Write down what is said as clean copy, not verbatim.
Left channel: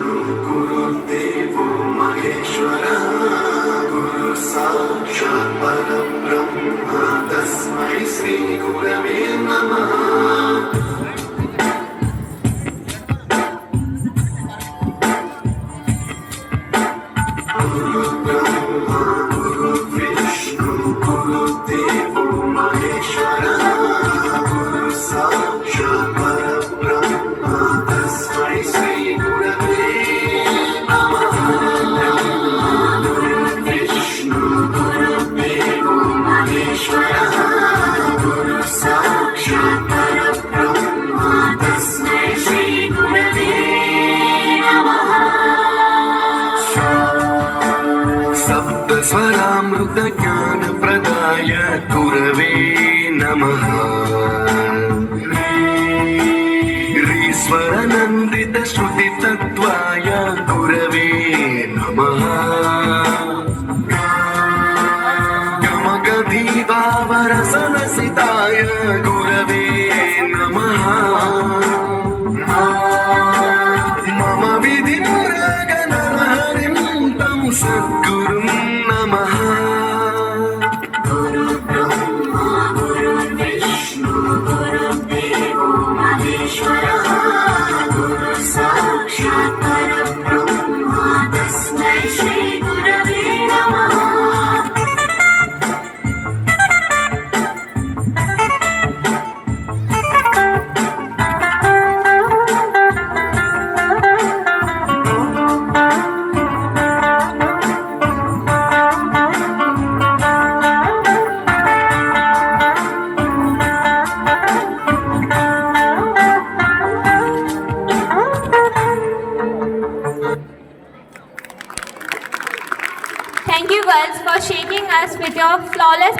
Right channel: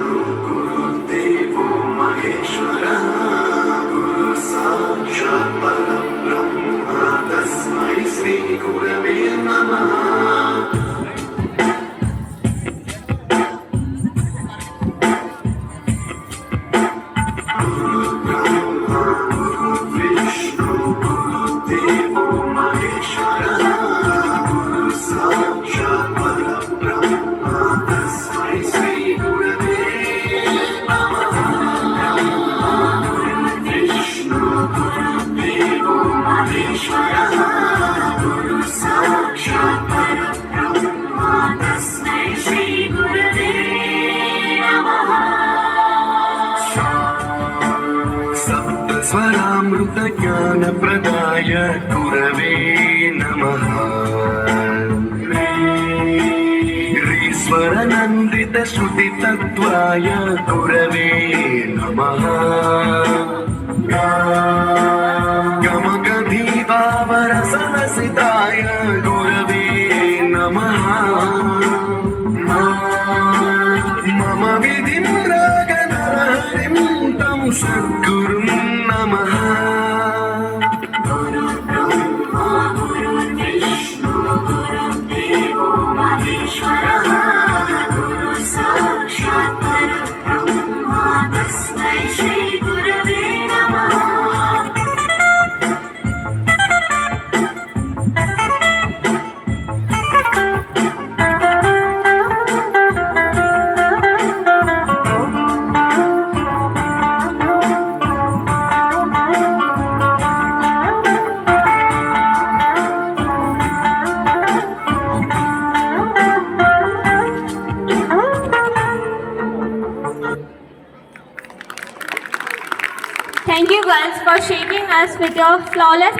गुरुदेवो महेश्वरः गुरु साक्षात् परब्रह्म तस्मै श्री गुरवे नमः ज्ञानप्रदाय गुरवे नमः ईश्वरनन्दितश्रुतितत्त्वाय गुरवे नमः गमगभीदावरसरसिताय गुरवे नमः मम विधिन्द्रगणहरिं तं सद्गुरुं नमः Thank you girls for shaking us with your flawless